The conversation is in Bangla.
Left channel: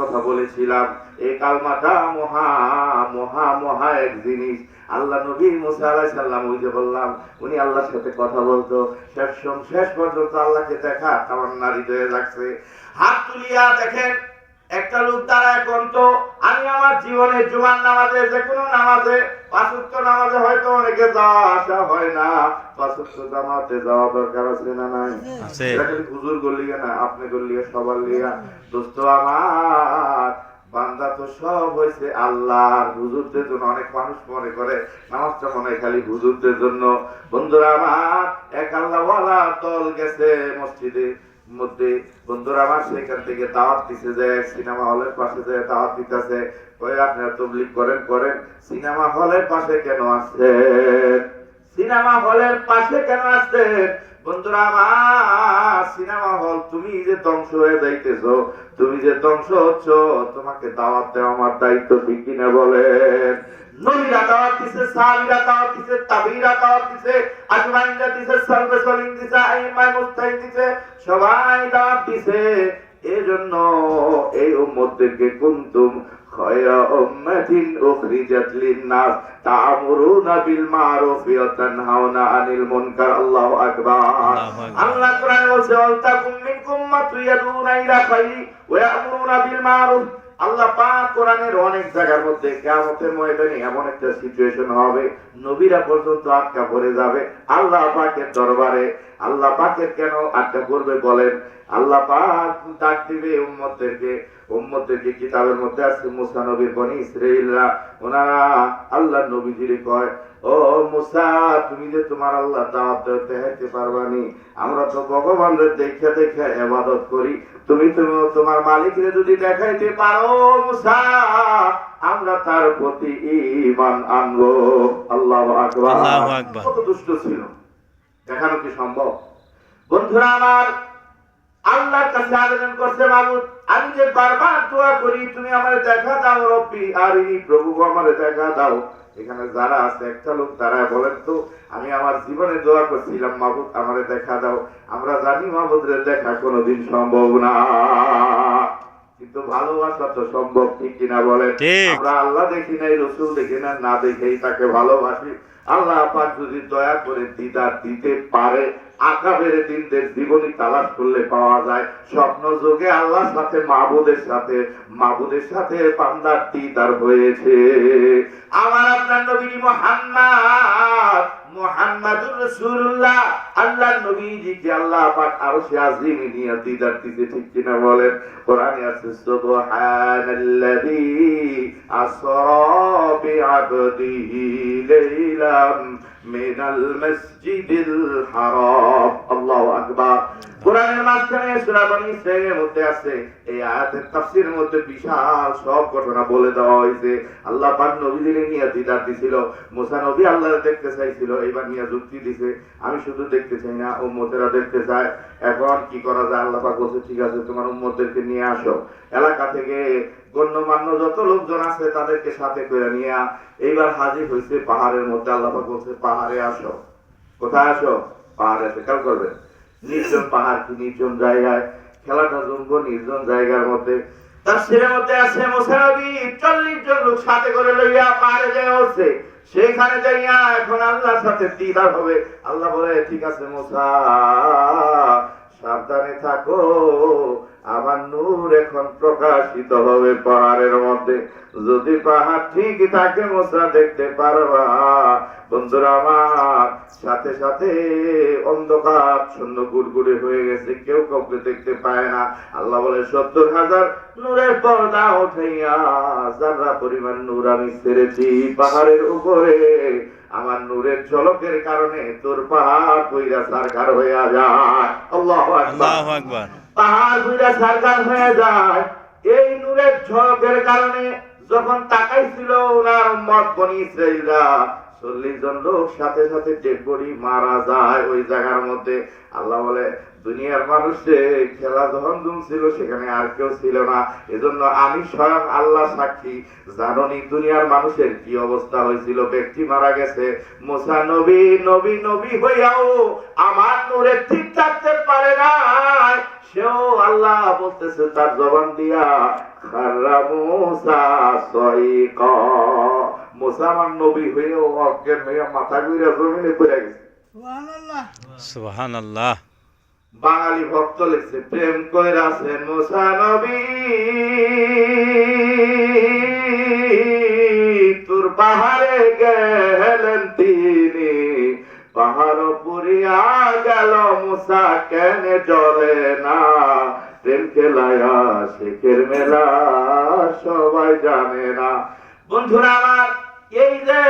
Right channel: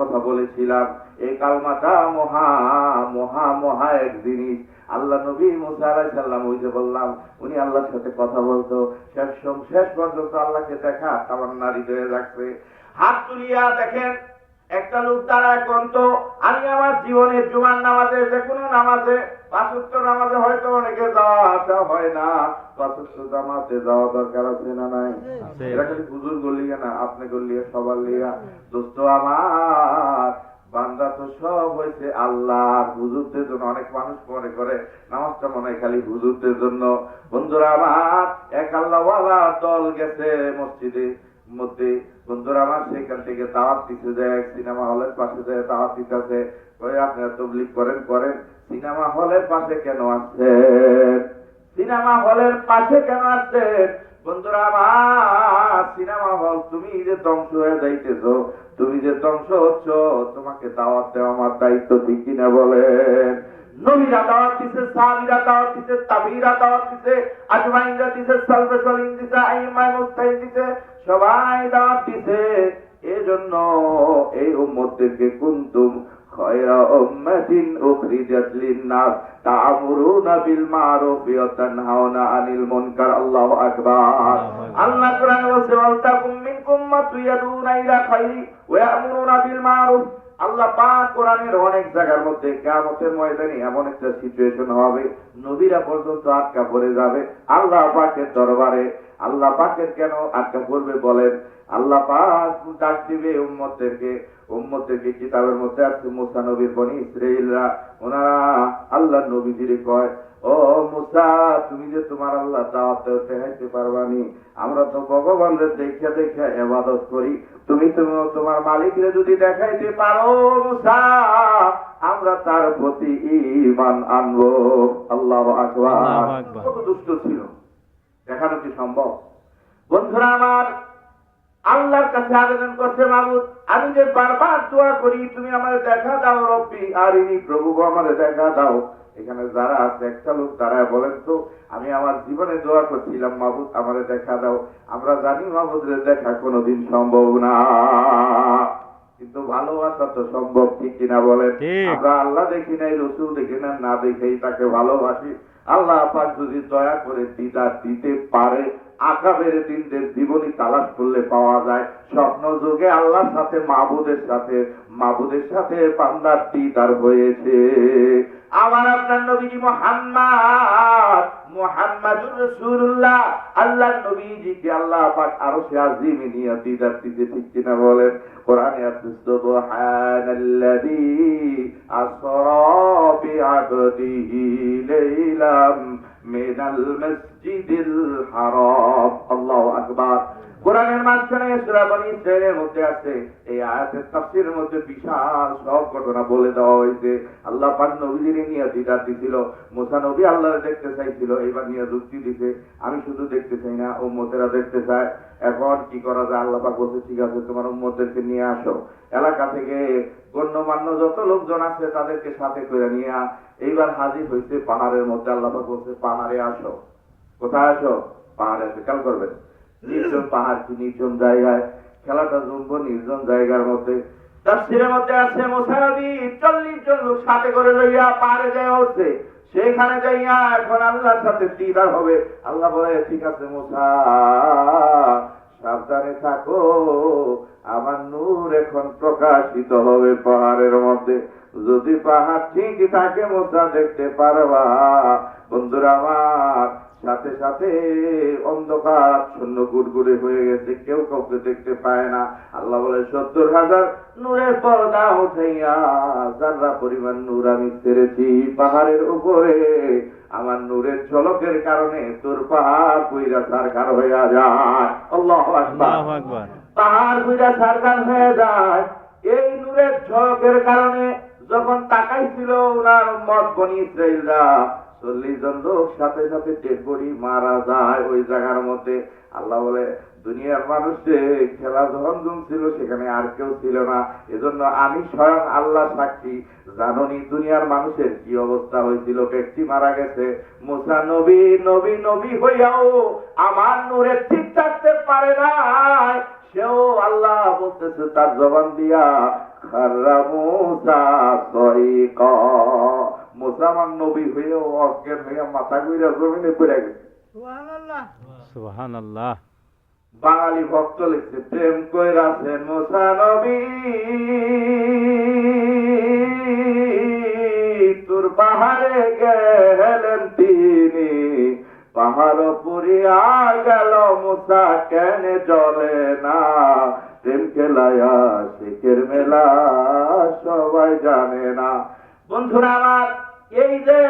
কথা বলেছিলাম, এই কালমাটা মহা মহা মহা এক জিনিস। আল্লাহ নবী মুসা আলাইহিস সালাম, ওই যে বললাম উনি আল্লাহর সাথে কথা বলতো, শেষ পর্যন্ত আল্লাহকে দেখা তামান্না হৃদয়ে রাখছে। হাত তুলিয়া দেখেন, একটা লোক দাঁড়ায় কোনতো, আমি আমার জীবনে জুমার নামাজে, যে কোনো নামাজে, পাঁচ ওয়াক্ত নামাজে হয়তো অনেকে যাওয়া আসা হয় না, পাঁচ ওয়াক্ত জামাতে যাওয়া দরকার আছে না নাই? এটা কিন্তু হুজুর গলিয়া না, আপনি গলিয়া, সবার লিয়া। দোস্ত আমার, বান্দা তো সব হয়েছে আল্লাহর, হুজুরদের জন্য। অনেক মানুষ মনে করে নামাজটা মনে হয় খালি হুজুরদের জন্য। বন্ধুরা আমার, এক আল্লাহওয়ালা দল গেছে মসজিদে মধ্যে, বন্ধুরা আমার, সেখান থেকে দাওয়াত দিছে, যে সিনেমা হলের পাশে যে দাওয়াত দিতেছে, ওই আপনারা তাবলীগ করেন, সিনেমা হলের পাশে কেন আসছেন? সিনেমা হলের পাশে কেন আসছেন? বন্ধুরা আমার, সিনেমা হল, তুমি যে ধ্বংস হয়ে যাইতেছো, তুমি যে ধ্বংস হচ্ছ, তোমাকে দাওয়াত দেওয়া আমার দায়িত্ব, ঠিক কিনা বলেন? নবীরা দাওয়াত দিছে, সাহাবীরা দাওয়াত দিছে, তাবিঈরা দাওয়াত দিছে, আজমাইনরা দিছে, সালফে সালিহিন দিছে, আইম্মায়ে মুজতাহিদ দিছে, সবাই দাওয়াত দিছে। এজন্য এই উম্মতদেরকে কুনতুম খায়রা উম্মাতিন উখরিজাত লিন-নাস তা'মুরুনা বিল মা'রুফি ওয়া তানহাউনা আনিল মুনকার। আল্লাহু আকবার। আল্লাহ কোরআনে বলছে, ওয়ালতাকুম মিনকুম উম্মাতুন ইয়াদউনা ইলা খায়রি ওয়া ইয়া'মুরুনা বিল মা'রুফ। আল্লাহ পাক কোরআনের অনেক জায়গার মধ্যে কিয়ামতের ময়দানে এমন একটা সিচুয়েশন হবে, নবীরা পর্যন্ত আটকা পড়ে যাবে আল্লাহ পাকের দরবারে। আল্লাহ পাকের কেন আটকা পড়বে বলেন? আল্লাহ পাক ডাক দিবে উম্মতদেরকে। কিতাবের মধ্যে আছে, মুসা নবীর বনি ইসরাঈলরা, ওনারা আল্লাহর নবীজিরে কয়, ও মুসা, তুমি যে তোমার আল্লাহ দাওয়াত দেখাইতে পারবানি, আমরা তো ভগবানের দেখে দেখে ইবাদত করি, তুমি তোমার মালিকরে যদি দেখাইতে পারো মুসা, আমরা তার প্রতি ঈমান আনবো। আল্লাহু আকবার। আল্লাহু আকবার। কত দুষ্ট ছিল, দেখানো কি সম্ভব? বন্ধুরা আমার, আল্লাহর কাছে আবেদন করছে, মাবুদ, আমি যে বারবার দোয়া করি, তুমি আমারে দেখা দাও, রব্বি আরিনি, প্রভু আমারে দেখা দাও। এখানে যারা আছে, একটা লোক দাঁড়ায় বলেন তো, আমি আমার জীবনে দোয়া করছিলাম, মাবুদ আমারে দেখা দাও। আমরা জানি মাবুদের দেখা কোনোদিন সম্ভব না, কিন্তু ভালোবাসা তো সম্ভব, ঠিক কিনা বলেন? আমরা আল্লাহ দেখি নাই, রসুল দেখি না, না দেখেই তাকে ভালোবাসি। আল্লাহ পাক যদি দয়া করে দিদার দিতে পারে, আকাবের দিনদের জীবনী তালাশ করলে পাওয়া যায়, স্বপ্ন যুগে আল্লাহর সাথে মাবুদের সাথে বান্দার দিদার হয়েছে। আমার আপনার নবী মুহাম্মাদুর রাসূলুল্লাহ, আল্লাহর নবীজিকে আল্লাহ পাক আরশে আজিমে নিয়ে দিদার দিতে, ঠিক কিনা বলেন? কোরআনে আছে, সুবহানাল্লাযী আসরা বিআবদিহি লাইলাম মিনাল মসজিদিল হারাম। আল্লাহু আকবার। কোরআনের মাঝখানে সূরা বনী ইসরাঈলের মধ্যে আছে, এই আয়াতের তাফসীরের মধ্যে বিশাল সব ঘটনা বলে দেওয়া হয়েছে। আল্লাহ পাক নবীদের নিয়ে দিদার দিছিল, মুসা নবী আল্লাহকে দেখতে চাইছিল, এবার নিয়ে যুক্তি দিছে, আমি শুধু দেখতে চাই না, উম্মতেরা দেখতে চায়। এখন কি করা যায়? আল্লাহ পাক বলছে, ঠিক আছে, তোমার উম্মতদেরকে নিয়ে আসো, এলাকা থেকে গণ্যমান্য যত লোকজন আছে তাদেরকে সাথে করে নিয়ে এইবার হাজির হয়েছে পাহাড়ের মধ্যে। আল্লাহ পাক বলছে, পাহাড়ে আসো। কোথায় আসো? পাহাড়ে। খেয়াল করবেন, নির্জন পাহাড়, কি নির্জন জায়গায়, খেলাটা জমবো নির্জন জায়গার মধ্যে। তাফসীরের মধ্যে আছে, মুসা নবী 40 জন লোক সাথে করে লইয়া পাহাড়ে যায় উঠছে, সেখানে যাইয়া এখন আল্লাহর সাথে দিদার হবে। আল্লাহ বলে, ঠিক আছে মুসা, সাবধানে থাকো, আমার নূর এখন প্রকাশিত হবে পাহাড়ের মধ্যে। যদি পাহাড় ঠিক থাকে মুসা দেখতে পারবা। বন্ধুরা আমার, সাথে সাথে অন্ধকার শূন্য গুড়গুড়ে হয়ে গেছে, কেউ কাউকে দেখতে পায় না। আল্লাহ বলে, 70,000 নূরের পর্দা উঠাইয়া যারা পরিমাণ নূর আমি ছেড়েছি পাহাড়ের উপরে, আমার নূরের ঝলকের কারণে তোর পাহাড় কইরা সারকার হয়ে যায়। আল্লাহু আকবার। পাহাড় কইরা সারকার হয়ে যায় এই নূরের ঝলকের কারণে। যখন তাকাইছিল ওনার উম্মত বনী ইসরাঈলরা, 40 জন লোক সাথে সাথে ডেড বডি মারা যায় ওই জায়গার মধ্যে। আল্লাহ বলে, দুনিয়ার মানুষে খেলা যখন ছিল সেখানে আর কেউ ছিল না, এজন্য আমি স্বয়ং আল্লাহ সাক্ষী। জাননি দুনিয়ার মানুষের কি অবস্থা হয়েছিল? ব্যক্তি মারা গেছে, মুসা নবী নবী নবী হইয়াও আমার নূরে ঠিক থাকতে পারে না, সেও আল্লাহ বলতেছে তার জবান দিয়া, খাররা মুসা সাইকা। মুসা আমার নবী হইয়াও অজ্ঞান হইয়া মাথা ঘুরে জমিনে পড়ে গেছে। সুবহানাল্লাহ। বাঙালি ভক্ত লিখছে, প্রেম কইরাছে মুসা নবী তোর পাহাড়ে গেলেন তিনি, পাহাড় পুরিয়া গেল মুসা কেন চলে না, প্রেম খেলায়া শেখের মেলা সবাই জানে না। বন্ধুরা আমার, এই যে